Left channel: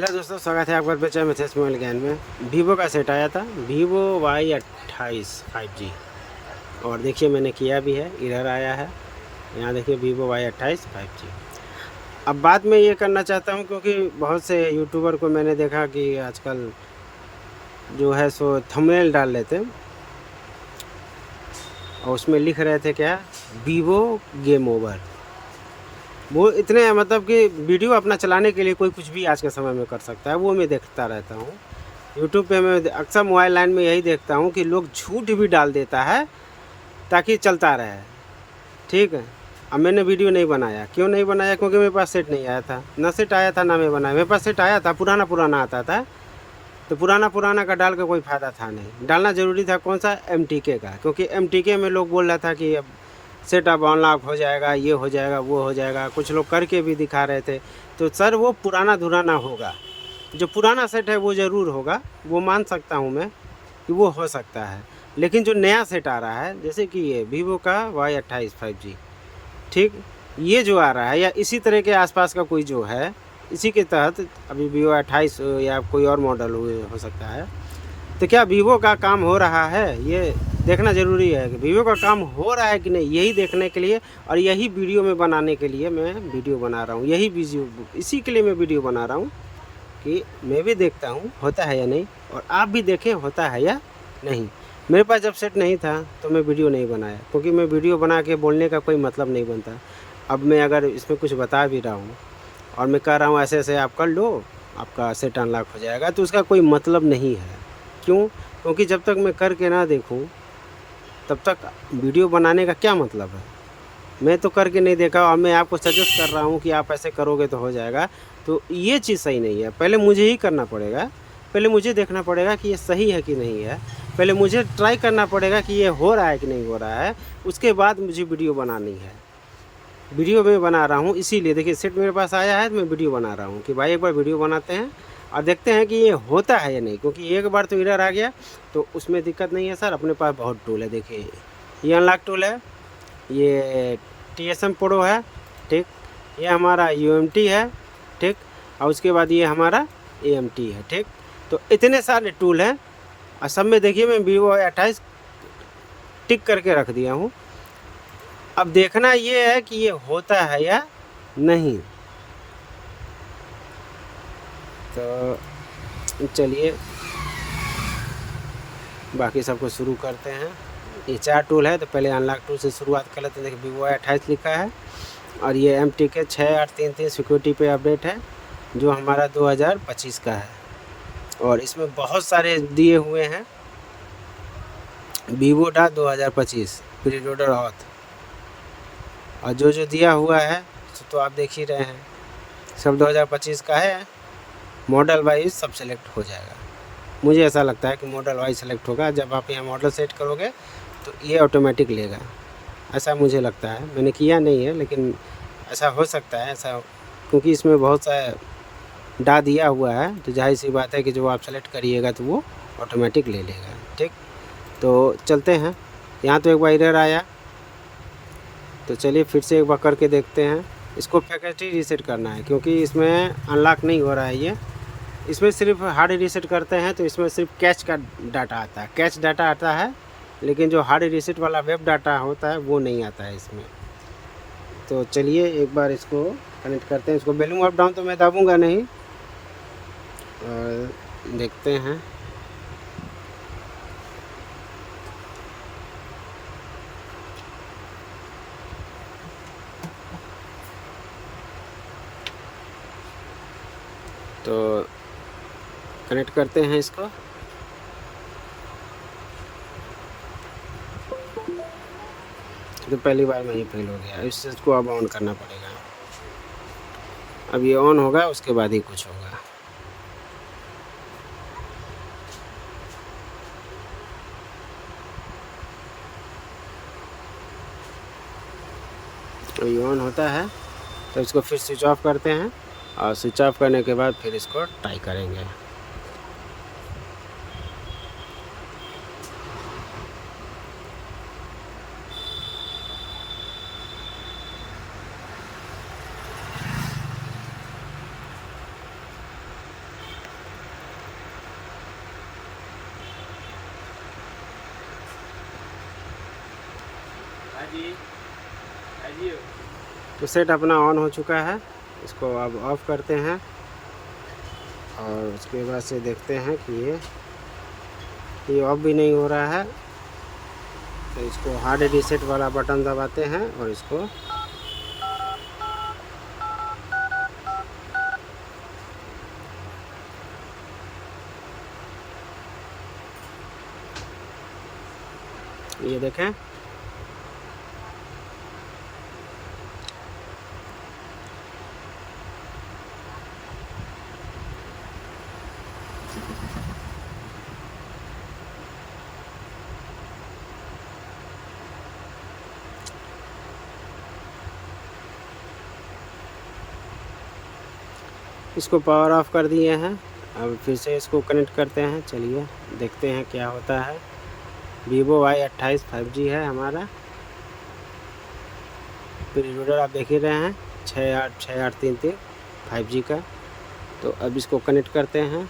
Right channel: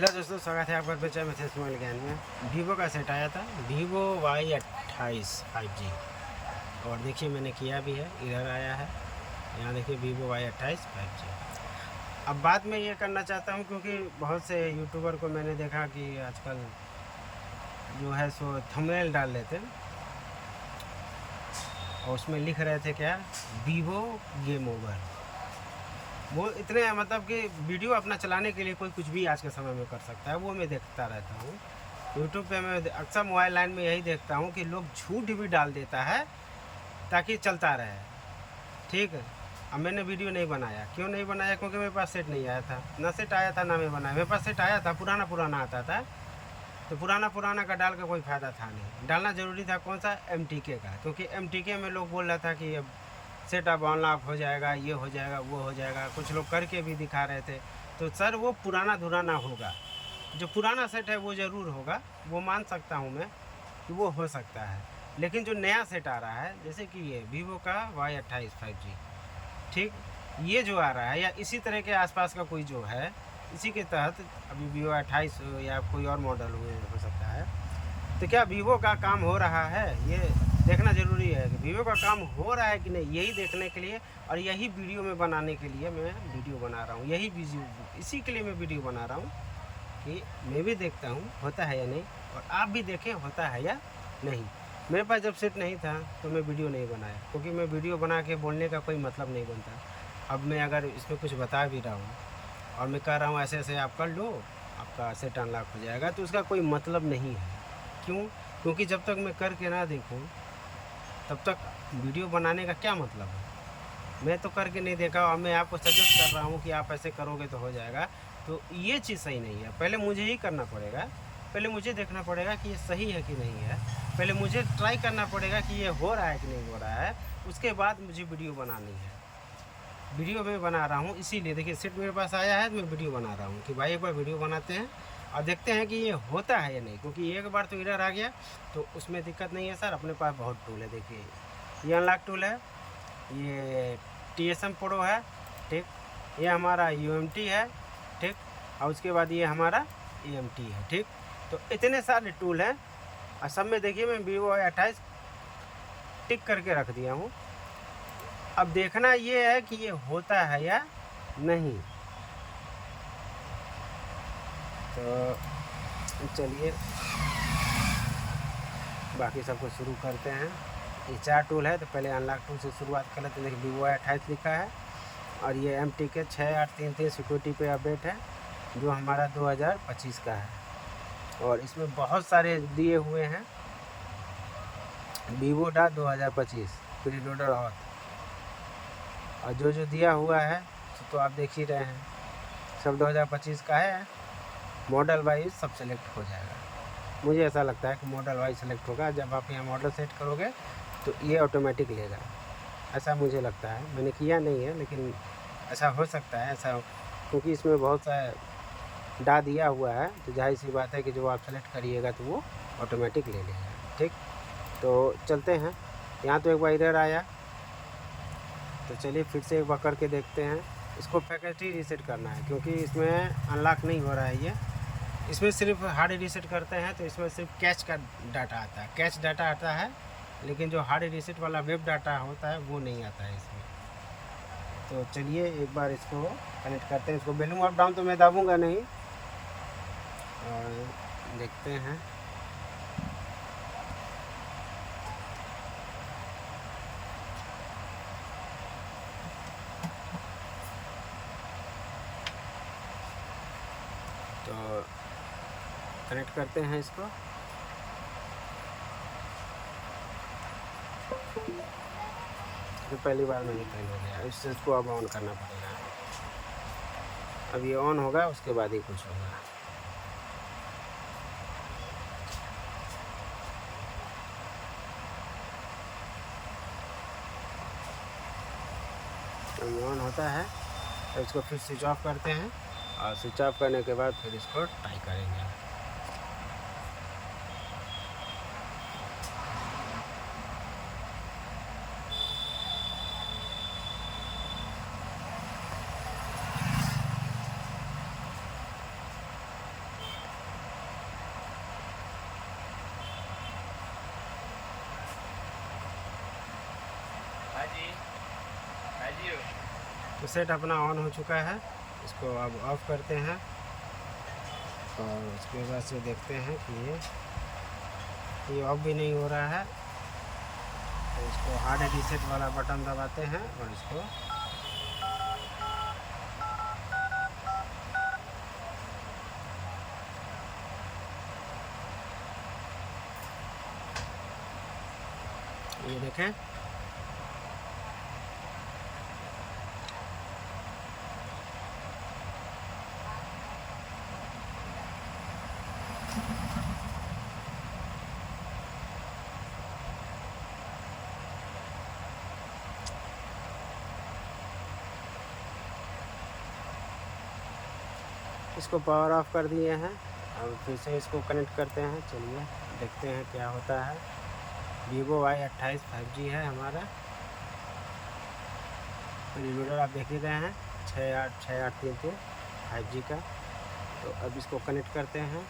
Hello दोस्तों, स्वागत है आपका बच्चा मैथ्स मोबाइल ज्ञान में। वीवो का सेट आया था, वीवो Y28 5G। और देखिए मैंने किया भी है, इधर आया है, यहाँ देखिए वीवो Y28 5G। अब बात मैं ये करना चाहता हूँ क्योंकि बहुत से यूट्यूबर को मैंने देखा कि आजकल जो है सो थंबनेल डाल लेते और उसमें लिख रहे थे क्या, वीवो गेम ओवर। वो इतने मतलब कि वीडियो अपना चलाने के लिए कोई कुछ भी आज के समय में कर सकता है, वो मैं देखता रहता हूँ यूट्यूब पे। मैं अक्सर मोबाइल लाइन में यही देखता हूँ कि लोग झूठ भी डाल देता है ताकि चलता रहे। ठीक है, अब मैंने वीडियो नहीं बनाया। क्यों नहीं बनाया? क्योंकि मेरे पास सेट नहीं आया था, ना सेट आया था ना मैं बनाया। मेरे पास सेट आया था, पुराना पुराना आता था, तो पुराना पुराना का डाल के कोई फ़ायदा था नहीं। डालना ज़रूरी था कौन सा, MTK का, क्योंकि MTK में लोग बोल रहा था कि अब सेटअप अनलॉक हो जाएगा, ये हो जाएगा, वो हो जाएगा। कुछ लोग करके भी दिखा रहे थे। तो सर वो पुराना धुराना होगा। जो पुराना सेट है वो ज़रूर होगा, वो मान सकता हूँ मैं कि वो हो सकता है। लेकिन जो नया सेट आ रहा है, जैसे कि ये वीवो का Y28 5G, ठीक, ये जो आ रहा है या इसी तरह के आसपास का कोई जो है, इसी के तहत अभी वीवो 28 या कोई और मॉडल हो सकता है। तो क्या वीवो का काम हो रहा है, ये देखना ज़रूरी है कि वीवो का काम हो रहा है कि नहीं। यही देखने के लिए और यही वीडियो में बनाने के लिए मैं वीडियो बना रहा हूँ। यही वीडियो, इसी के लिए मैं वीडियो बना रहा हूँ कि मैं भी देखता हूँ होता है या नहीं, और आप भी देखें होता है या नहीं। मेरे पास जब सेट नहीं था तो मैं वीडियो नहीं बनाया, क्योंकि मैं वीडियो बना के बोलने का कोई मतलब नहीं बनता। अब मैं अगर इसमें कुछ बता भी रहा हूँ और मैं कह रहा हूँ ऐसे ऐसे आप कर लो, आपका सेट अनलॉक हो जाएगा, तो उसका कोई मतलब नहीं है। क्यों? क्योंकि जब तक मैं करके ना देखूँ तब तक वीडियो बनाने का क्या मतलब है। मैं तो करके नहीं देखा और मैं आपको सजेस्ट कर रहा हूँ कि आप ऐसे करोगे तो हो जाएगा, तो ये चीज़ सही नहीं है। पहले मुझे ही करना पड़ेगा, पहले मुझे देखना पड़ेगा कि ये सही है कि नहीं है, पहले मुझे ट्राई करना पड़ेगा कि ये हो रहा है कि नहीं हो रहा है, उसके बाद मुझे वीडियो बनानी है। वीडियो मैं बना रहा हूँ इसीलिए, देखिए सेट मेरे पास आया है तो मैं वीडियो बना रहा हूँ कि भाई एक बार वीडियो बनाते हैं और देखते हैं कि ये होता है या नहीं। क्योंकि एक बार तो एरर आ गया तो उसमें दिक्कत नहीं है सर, अपने पास बहुत टूल है। देखिए ये अनलॉक टूल है, ये TSM प्रो है, ठीक, ये हमारा UMT है, ठीक, और उसके बाद ये हमारा AMT है, ठीक। तो इतने सारे टूल हैं और सब में देखिए मैं वीवो 28 टिक करके रख दिया हूँ। अब देखना ये है कि ये होता है या नहीं। तो चलिए बाकी सबको शुरू करते हैं। ये 4 टूल है, तो पहले अनलॉक टूल से शुरुआत कर लेते हैं। देखिए वीवो 28 लिखा है और ये MTK 6833 सिक्योरिटी पे अपडेट है, जो हमारा 2025 का है। और इसमें बहुत सारे दिए हुए हैं, vivo.2025 प्री लोडर ऑथ, और जो जो दिया हुआ है तो आप देख ही रहे हैं, सब 2025 का है। मॉडल वाइज सब सेलेक्ट हो जाएगा। मुझे ऐसा लगता है कि मॉडल वाइज सेलेक्ट होगा। जब आप यहाँ मॉडल सेट करोगे तो ये ऑटोमेटिक लेगा, ऐसा मुझे लगता है। मैंने किया नहीं है लेकिन ऐसा हो सकता है, ऐसा, क्योंकि इसमें बहुत सा डा दिया हुआ है, तो जाहिर सी बात है कि जो आप सेलेक्ट करिएगा तो वो ऑटोमेटिक ले लेगा, ठीक। तो चलते हैं, यहाँ तो एक बार एरर आया, तो चलिए फिर से एक बार करके देखते हैं। इसको फैकल्टी रीसेट करना है क्योंकि इसमें अनलॉक नहीं हो रहा है ये। इसमें सिर्फ हार्ड रीसेट करते हैं तो इसमें सिर्फ कैच का डाटा आता है, कैच डाटा आता है, लेकिन जो हार्ड रीसेट वाला वेब डाटा होता है वो नहीं आता है इसमें। तो चलिए एक बार इसको कनेक्ट करते हैं। इसको वॉल्यूम अप डाउन तो मैं दबाऊंगा नहीं, और देखते हैं। तो कनेक्ट करते हैं इसको। तो पहली बार में ही फेल हो गया, इसको अब ऑन करना पड़ेगा। अब ये ऑन होगा उसके बाद ही कुछ होगा। तो ये ऑन होता है तो इसको फिर स्विच ऑफ करते हैं, और स्विच ऑफ करने के बाद फिर इसको ट्राई करेंगे। तो सेट अपना ऑन हो चुका है, इसको अब ऑफ करते हैं और उसके बाद से देखते हैं कि ये ऑफ भी नहीं हो रहा है। तो इसको हार्ड रीसेट वाला बटन दबाते हैं और इसको ये देखें, इसको पावर ऑफ कर दिए हैं। अब फिर से इसको कनेक्ट करते हैं, चलिए देखते हैं क्या होता है। Vivo Y28 5G है हमारा, फिर रीडर आप देख ही रहे हैं 6863 5G का। तो अब इसको कनेक्ट करते हैं।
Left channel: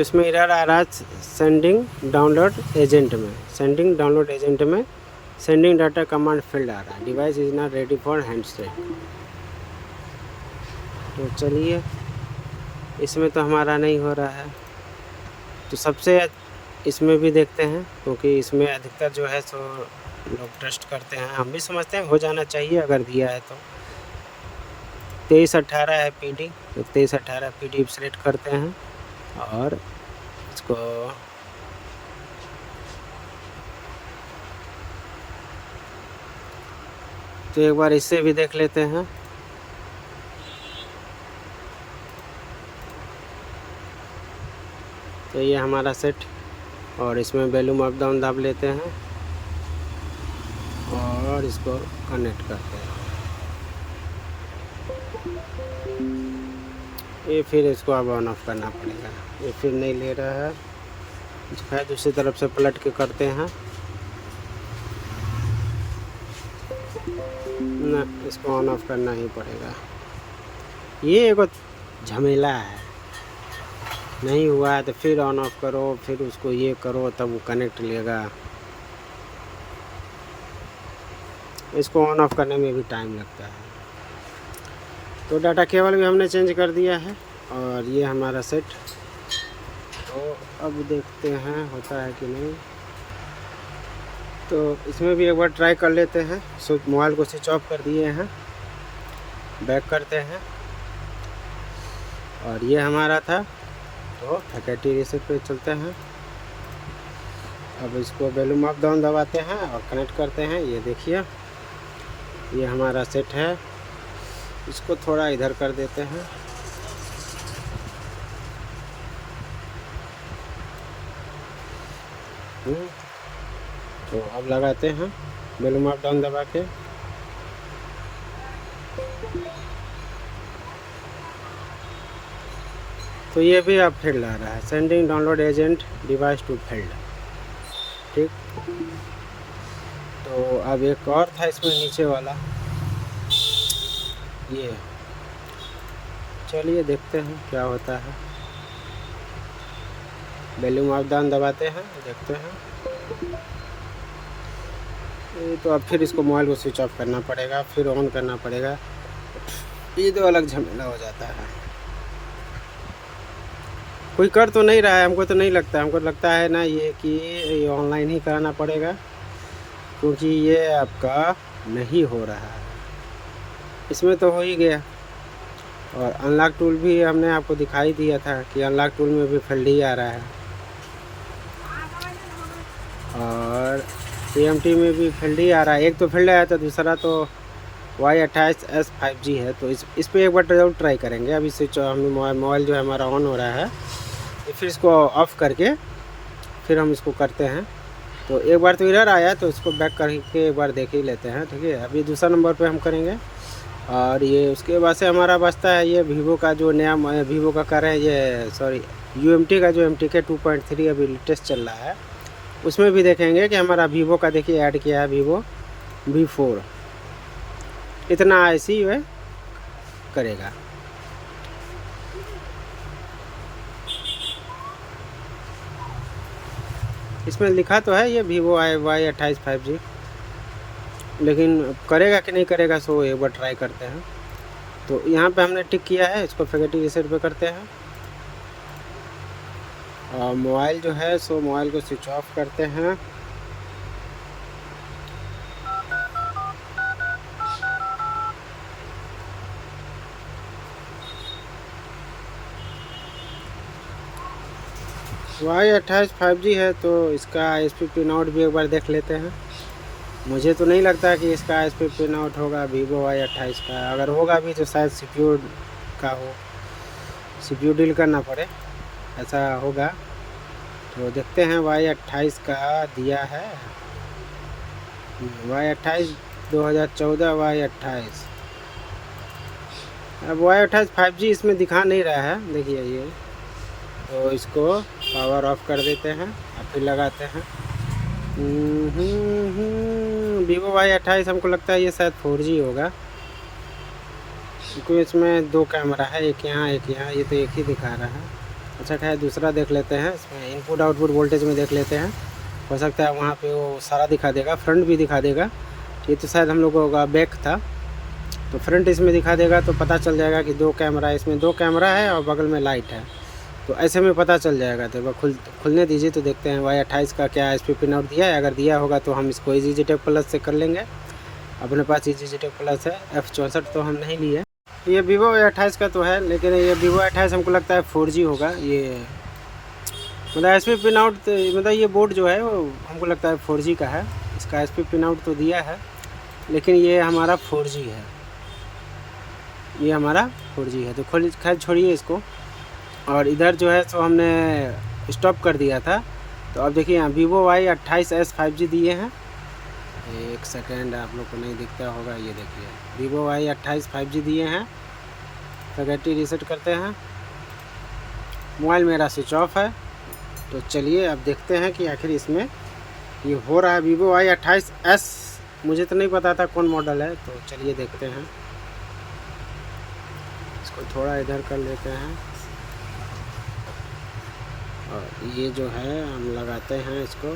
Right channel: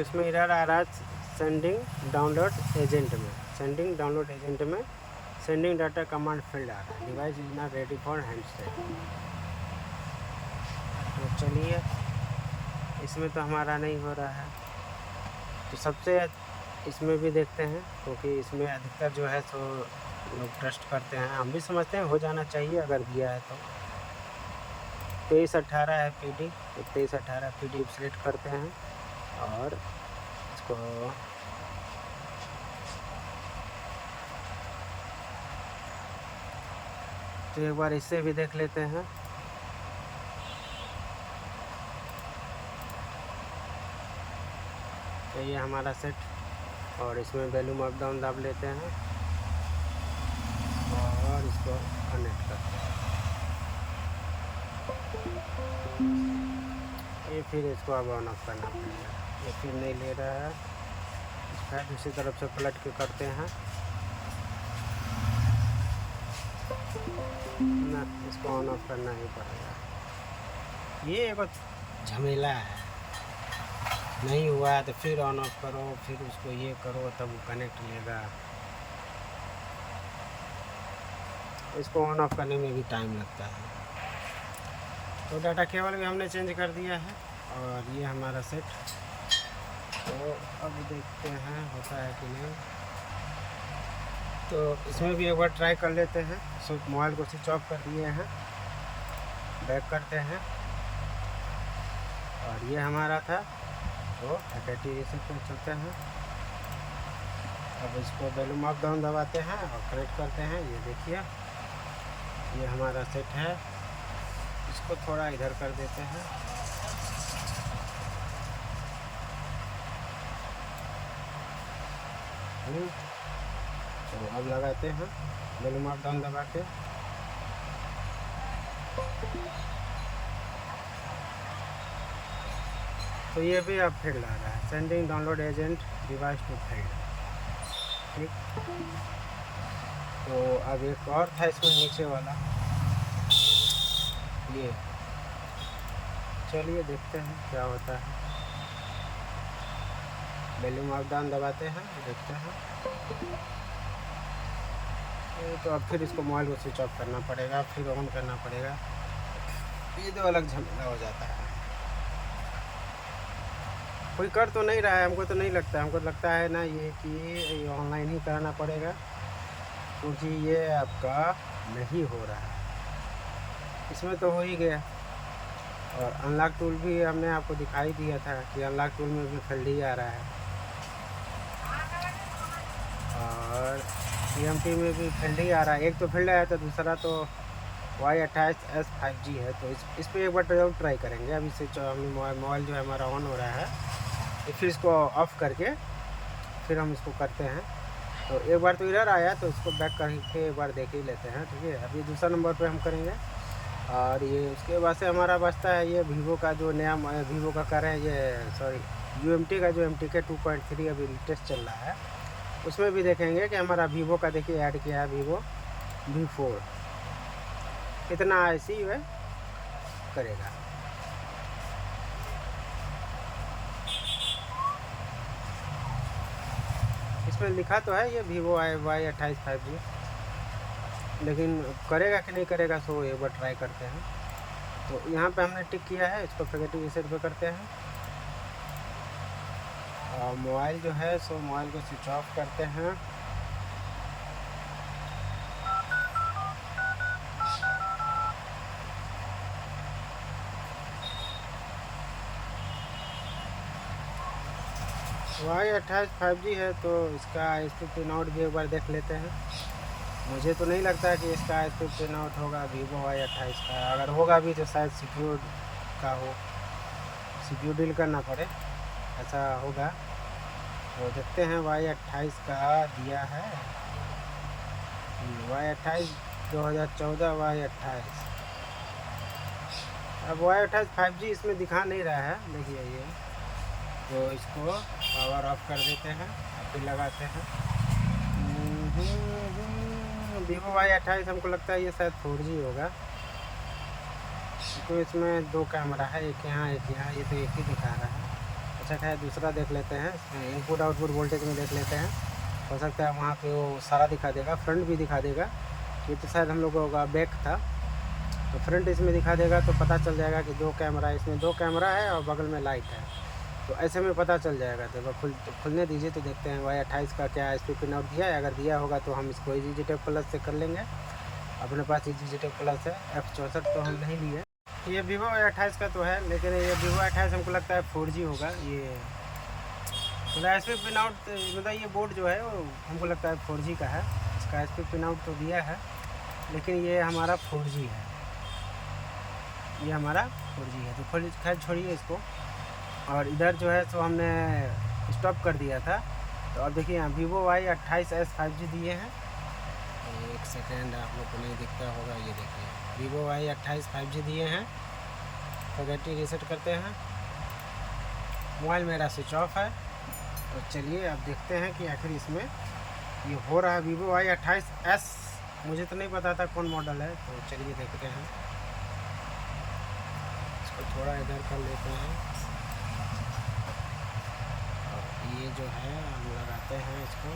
इसमें एरर आ रहा है सेंडिंग डाउनलोड एजेंट में सेंडिंग डाटा कमांड फील्ड आ रहा है, device is not ready for handset. तो चलिए, इसमें तो हमारा नहीं हो रहा है, तो सबसे इसमें भी देखते हैं, क्योंकि इसमें अधिकतर जो है सो लोग ट्रस्ट करते हैं, हम भी समझते हैं हो जाना चाहिए अगर दिया है तो। 2318 है PD, तो 2318 PD सेलेक्ट करते हैं और इसको तो एक बार इससे भी देख लेते हैं। तो ये हमारा सेट, और इसमें वॉल्यूम अप डाउन दाब लेते हैं और इसको कनेक्ट करते हैं। ये फिर इसको अब ऑन ऑफ करना पड़ेगा, ये फिर नहीं ले रहा है, फिर दूसरी तरफ से पलट के करते हैं ना, इसको ऑन ऑफ करना ही पड़ेगा। ये एक झमेला है, नहीं हुआ है तो फिर ऑन ऑफ करो, फिर उसको ये करो तब वो कनेक्ट लेगा। इसको ऑन ऑफ करने में भी टाइम लगता है। तो डाटा केबल भी हमने चेंज कर दिया है और ये हमारा सेट। तो अब देखते हैं होता है कि नहीं। तो इसमें भी एक बार ट्राई कर लेते हैं। मोबाइल को स्विच ऑफ कर दिए हैं, बैक करते हैं और ये हमारा था। तो फैकल्टी रीसेट पे चलते हैं। अब इसको वॉल्यूम अप डाउन दबाते हैं और कनेक्ट करते हैं। ये देखिए, ये हमारा सेट है। इसको थोड़ा इधर कर देते हैं। तो अब लगाते हैं वॉल्यूम अप डाउन दबा के। तो ये भी अब फील्ड आ रहा है, sending download agent device to field. ठीक, तो अब एक और था इसमें नीचे वाला, ये चलिए देखते हैं क्या होता है। वॉल्यूम अप डाउन दबाते हैं, देखते हैं। तो अब फिर इसको मोबाइल को स्विच ऑफ करना पड़ेगा, फिर ऑन करना पड़ेगा। ये तो अलग झमेला हो जाता है। कोई कर तो नहीं रहा है, हमको तो नहीं लगता, हमको लगता है ना ये कि ये ऑनलाइन ही कराना पड़ेगा, क्योंकि ये आपका नहीं हो रहा है। इसमें तो हो ही गया। और अनलॉक टूल भी हमने आपको दिखाई दिया था कि अनलॉक टूल में भी फील्ड ही आ रहा है, और TMT में भी फील्ड ही आ रहा है। एक तो फील्ड आया था, दूसरा तो Y28S 5G है। तो इस पर एक बार जरूर ट्राई करेंगे। अभी से हमें मोबाइल जो है हमारा ऑन हो रहा है, तो फिर इसको ऑफ़ करके फिर हम इसको करते हैं। तो एक बार तो एरर आया, तो इसको बैक करके एक बार देख ही लेते हैं, ठीक है। अभी दूसरा नंबर पे हम करेंगे। और ये उसके बाद से हमारा बचता है ये वीवो का जो नया वीवो का कर रहे हैं, ये सॉरी UMT का जो MTK 2.3 अभी लेटेस्ट चल रहा है, उसमें भी देखेंगे कि हमारा वीवो का देखिए ऐड किया है वीवो V4, इतना ऐसी वह करेगा। इसमें लिखा तो है ये Vivo Y28 5G, लेकिन करेगा कि नहीं करेगा सो एक बार ट्राई करते हैं। तो यहाँ पे हमने टिक किया है, इसको फैक्ट्री रीसेट पे करते हैं। और मोबाइल जो है सो मोबाइल को स्विच ऑफ करते हैं। Y28 5G है, तो इसका SP पिन आउट भी एक बार देख लेते हैं। मुझे तो नहीं लगता कि इसका SP पिन आउट होगा Vivo Y28 का। अगर होगा भी तो शायद CPU का हो, CPU डील करना पड़े, ऐसा होगा। तो देखते हैं Y28 का दिया है, Y28 2014 Y28। अब Y28 5G इसमें दिखा नहीं रहा है, देखिए ये। तो इसको पावर ऑफ कर देते हैं और फिर लगाते हैं। Vivo Y28 हमको लगता है ये शायद 4G होगा, क्योंकि इसमें 2 कैमरा है, एक यहाँ एक यहाँ, ये तो एक ही दिखा रहा है। अच्छा खैर दूसरा देख लेते हैं, इसमें इनपुट आउटपुट वोल्टेज में देख लेते हैं। हो सकता है वहाँ पे वो सारा दिखा देगा, फ्रंट भी दिखा देगा। ये तो शायद हम लोगों का बैक था, तो फ्रंट इसमें दिखा देगा, तो पता चल जाएगा कि 2 कैमरा, इसमें 2 कैमरा है और बगल में लाइट है, तो ऐसे में पता चल जाएगा। तो खुलने दीजिए, तो देखते हैं Y28 का क्या SP पिन आउट दिया है। अगर दिया होगा तो हम इसको EasyJet प्लस से कर लेंगे, अपने पास EasyJet प्लस है। F64 तो हम नहीं लिए। ये Vivo Y28 का तो है, लेकिन ये Vivo Y28 हमको लगता है 4G होगा। ये मतलब SP पिन आउट, मतलब ये बोर्ड जो है वो हमको लगता है 4G का है। इसका SP पिन आउट तो दिया है, लेकिन ये हमारा 4G है, ये हमारा 4G है। तो खैर छोड़िए इसको। और इधर जो है तो हमने स्टॉप कर दिया था। तो अब देखिए यहाँ Vivo Y28s 5G दिए हैं। एक सेकेंड, आप लोग को नहीं दिखता होगा, ये देखिए Vivo Y28 5G दिए हैं। फैक्ट्री रीसेट करते हैं। मोबाइल मेरा स्विच ऑफ है, तो चलिए अब देखते हैं कि आखिर इसमें ये हो रहा है। Vivo Y28s, मुझे तो नहीं पता था कौन मॉडल है, तो चलिए देखते हैं। इसको थोड़ा इधर कर लेते हैं, और ये जो है हम लगाते हैं इसको।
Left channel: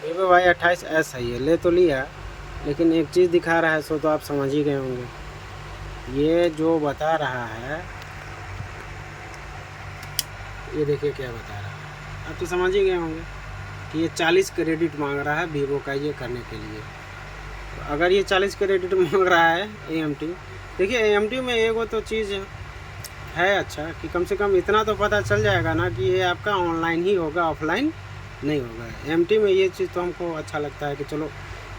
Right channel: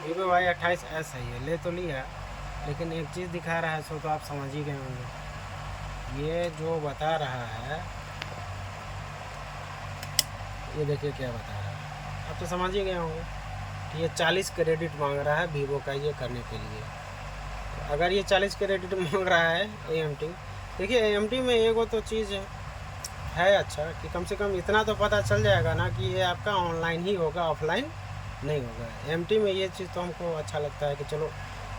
Vivo Y28s है, ये ले तो लिया, लेकिन एक चीज़ दिखा रहा है, सो तो आप समझ ही गए होंगे। ये जो बता रहा है, ये देखिए क्या बता रहा है, आप तो समझ ही गए होंगे कि ये 40 क्रेडिट मांग रहा है Vivo का ये करने के लिए। अगर ये 40 क्रेडिट मांग रहा है AMT, देखिए AMT में एगो तो चीज़ है अच्छा, कि कम से कम इतना तो पता चल जाएगा ना कि ये आपका ऑनलाइन ही होगा, ऑफलाइन नहीं होगा। AMT में ये चीज़ तो हमको अच्छा लगता है कि चलो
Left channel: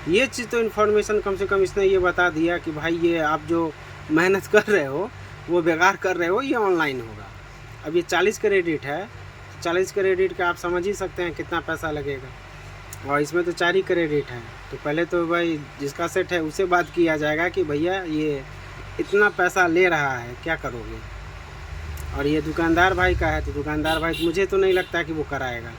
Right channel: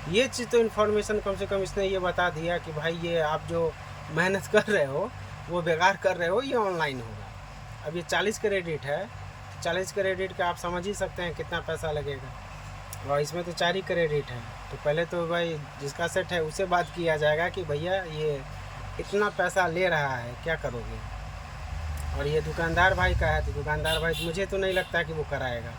ये चीज़ तो इन्फॉर्मेशन कम से कम इसने ये बता दिया कि भाई ये आप जो मेहनत कर रहे हो वो बेकार कर रहे हो, ये ऑनलाइन होगा। अब ये 40 क्रेडिट है, 40 क्रेडिट का आप समझ ही सकते हैं कितना पैसा लगेगा, और इसमें तो 4 ही क्रेडिट है। तो पहले तो भाई जिसका सेट है उससे बात किया जाएगा कि भैया ये इतना पैसा ले रहा है, क्या करोगे। और ये दुकानदार भाई का है, तो दुकानदार भाई मुझे तो नहीं लगता कि वो कराएगा,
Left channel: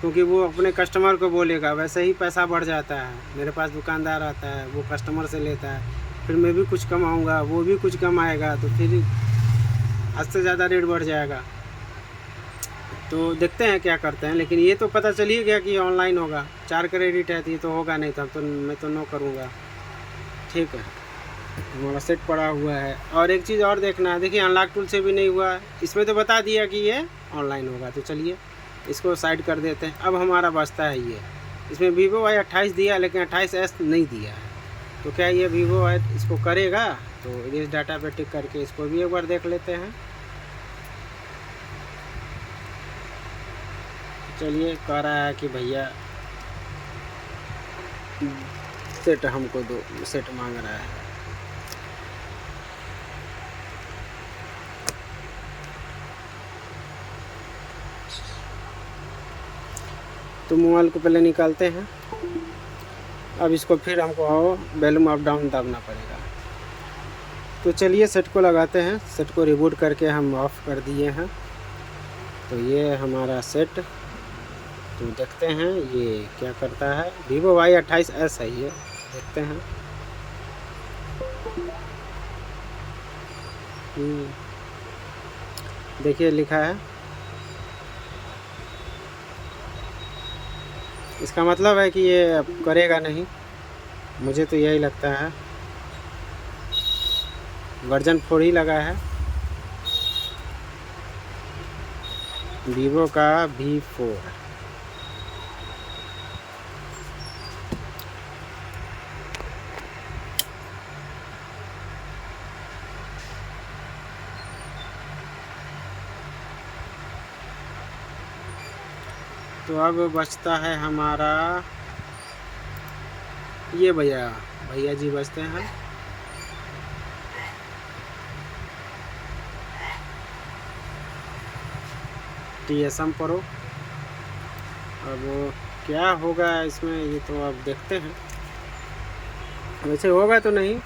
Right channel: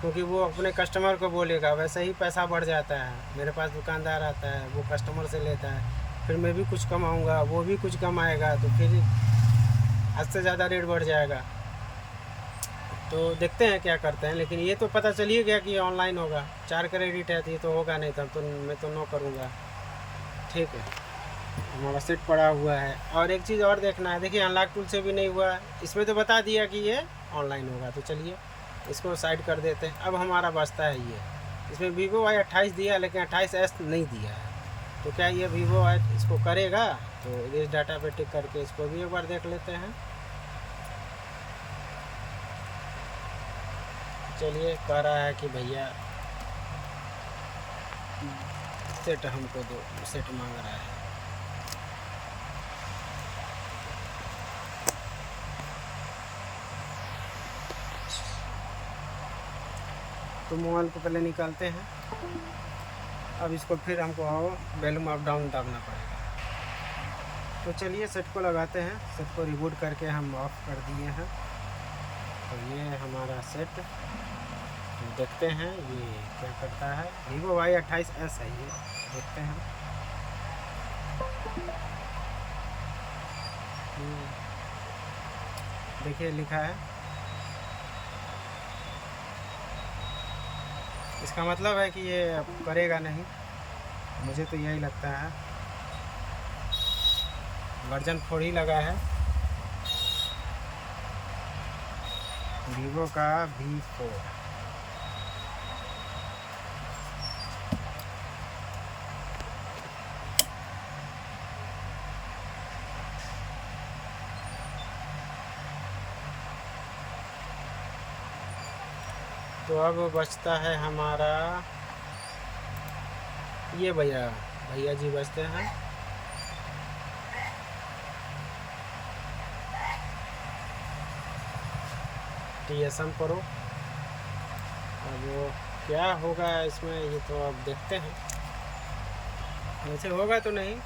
क्योंकि वो अपने कस्टमर को बोलेगा, वैसे ही पैसा बढ़ जाता है। मेरे पास दुकानदार आता है, वो कस्टमर से लेता है, फिर मैं भी कुछ कमाऊँगा, वो भी कुछ कमाएगा, तो फिर हद से ज़्यादा रेट बढ़ जाएगा। तो देखते हैं क्या करते हैं, लेकिन ये तो पता चल ही गया कि ये ऑनलाइन होगा। 4 क्रेडिट है तो ये तो होगा नहीं, तब तो मैं तो नो करूँगा। ठीक है, हमारा सेट पड़ा हुआ है। और एक चीज़ और देखना है, देखिए अनलॉक टूल से भी नहीं हुआ है, इसमें तो बता दिया कि ये ऑनलाइन होगा। तो चलिए इसको साइड कर देते हैं। अब हमारा बचता है ये, इसमें Vivo Y28 दिया, लेकिन 28s नहीं दिया है। तो क्या ये Vivo इसको करेगा? तो इस डाटा पे टिक करके इसको भी एक बार देख लेते हैं। चलिए, कह रहा है कि भैया सेट हमको दो, सेट मांग रहा है। तो मोबाइल को पहले निकालते हैं। अब इसको फिर हमको वॉल्यूम अप डाउन दाबना पड़ेगा। तो चलिए सेट को लगाते हैं। सेट को रिबूट करके हम ऑफ़ कर दिए हैं। तो ये हमारा सेट, तो देखते हैं ये क्या करता है। Vivo Y28s है ये, देखते हैं। देखिए लिखा है, इसका मतलब है कि ये अब करेगा नहीं, मुझे तो यही लगता है। वर्जन 4 ही लगा है Vivo का V4। तो अब बचता है हमारा ये भैया जी बचते हैं। TSM Pro। अब क्या होगा इसमें ये तो अब देखते हैं। वैसे होगा तो नहीं,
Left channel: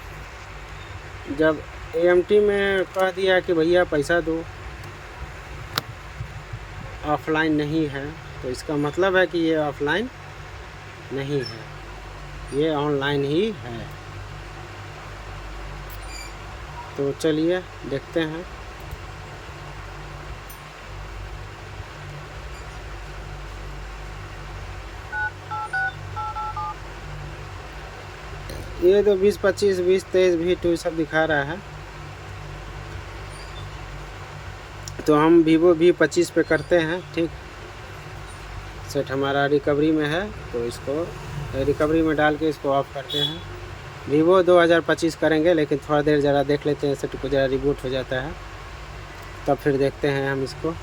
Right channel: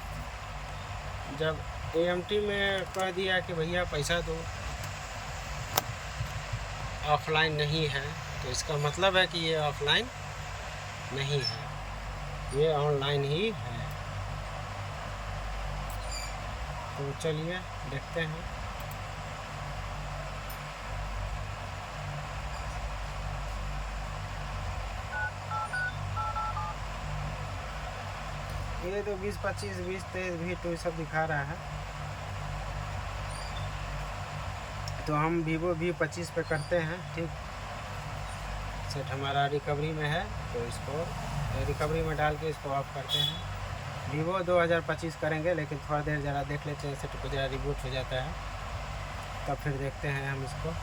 जब AMT में कह दिया कि भैया पैसा दो, ऑफलाइन नहीं है, तो इसका मतलब है कि ये ऑफलाइन नहीं है, ये ऑनलाइन ही है। तो चलिए देखते हैं। ये तो 20, 25, 20, 23, V2 सब दिखा रहा है। तो हम Vivo V25 पे करते हैं। ठीक, सेट हमारा रिकवरी में है, तो इसको रिकवरी में डाल के इसको ऑफ करते हैं। Vivo 2025 करेंगे, लेकिन थोड़ा देर ज़रा देख लेते हैं, सेट को ज़रा रिबूट हो जाता है, तब फिर देखते हैं हम इसको।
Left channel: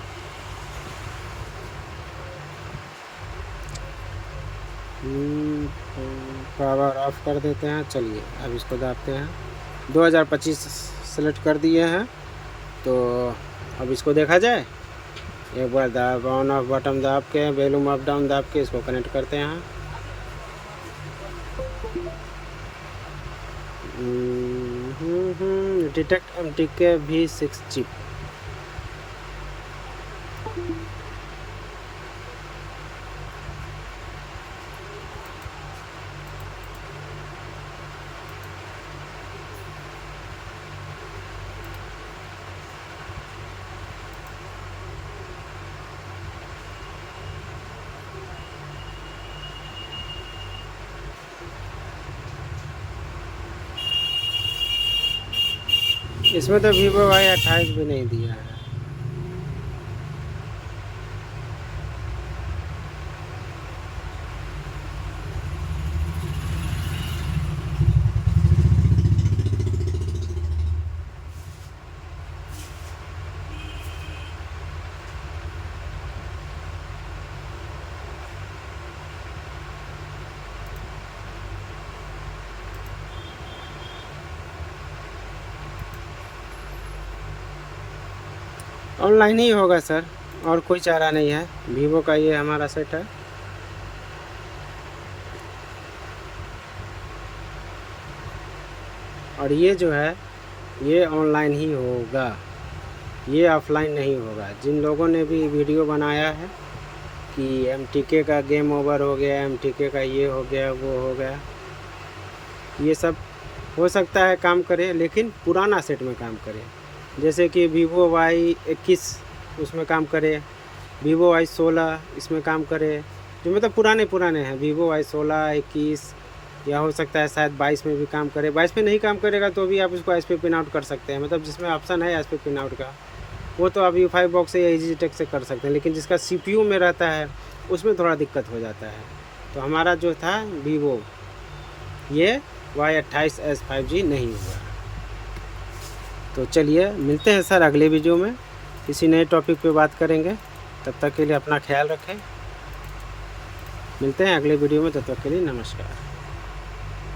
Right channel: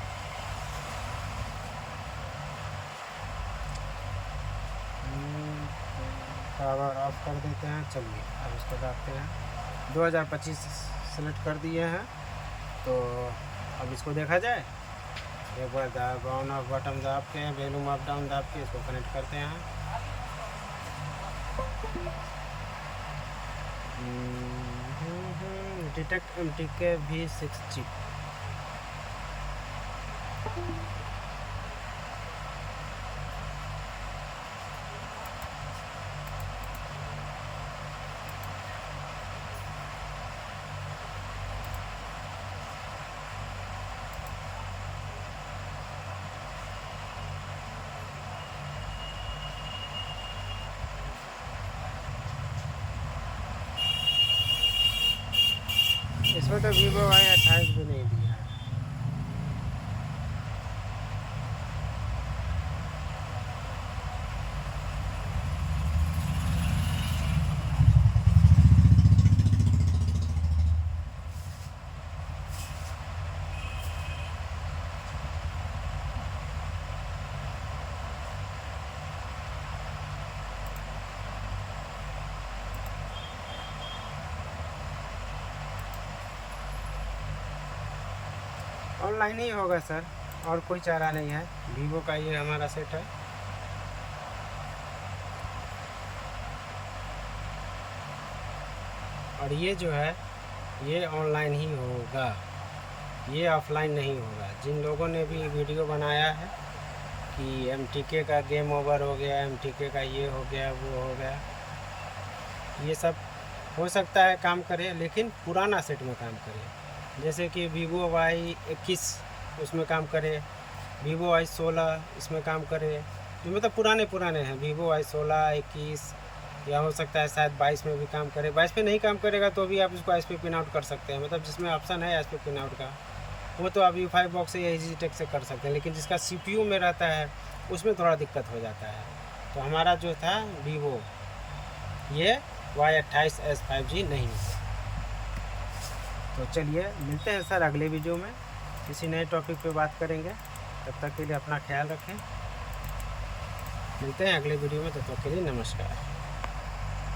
पावर ऑफ कर देते हैं। चलिए अब इसको दाबते हैं। 2025 सेलेक्ट कर दिए हैं, तो अब इसको देखा जाए। एक बार दाब ऑन ऑफ बटन दाब के, वॉल्यूम अप डाउन दाब के इसको कनेक्ट करते हैं। Detect MTK V6 chip. इसमें तो Vivo Y28 भी नहीं दिया है। ऑनलाइन ही होगा सर, और कोई चारा नहीं है। Vivo का ये हमारा सेट है। और ये जो है ये ऑनलाइन ही होगा, ये ऑफलाइन नहीं होगा। जिन लोगों ने भी वीडियो बनाया है कि MTK का गेम ओवर हो गया, MTK का ये हो गया, वो हो गया, ये सब हो सकता है काम करे, लेकिन पुराना सेट में काम करे। जैसे कि Vivo Y21 उसमें काम करे, Vivo Y16 इसमें काम करे, जो मतलब पुराने हैं। Vivo Y16, 21 या हो सकता है शायद 22 में भी काम करे। 22 में नहीं काम करेगा तो भी आप उसको एस पे पिन आउट कर सकते हैं, मतलब जिसमें ऑप्शन है एस पे पिन आउट का, वो तो आप U5 बॉक्स से या EasyTech से कर सकते हैं। लेकिन जिसका CPU में रहता है उसमें थोड़ा दिक्कत हो जाता है। तो हमारा जो था Vivo ये Y28s 5G नहीं हुआ। तो चलिए मिलते हैं सर अगले वीडियो में, किसी नए टॉपिक पे बात करेंगे। तब तक के लिए अपना ख्याल रखें। मिलते हैं अगले वीडियो में, तब तक के लिए नमस्कार।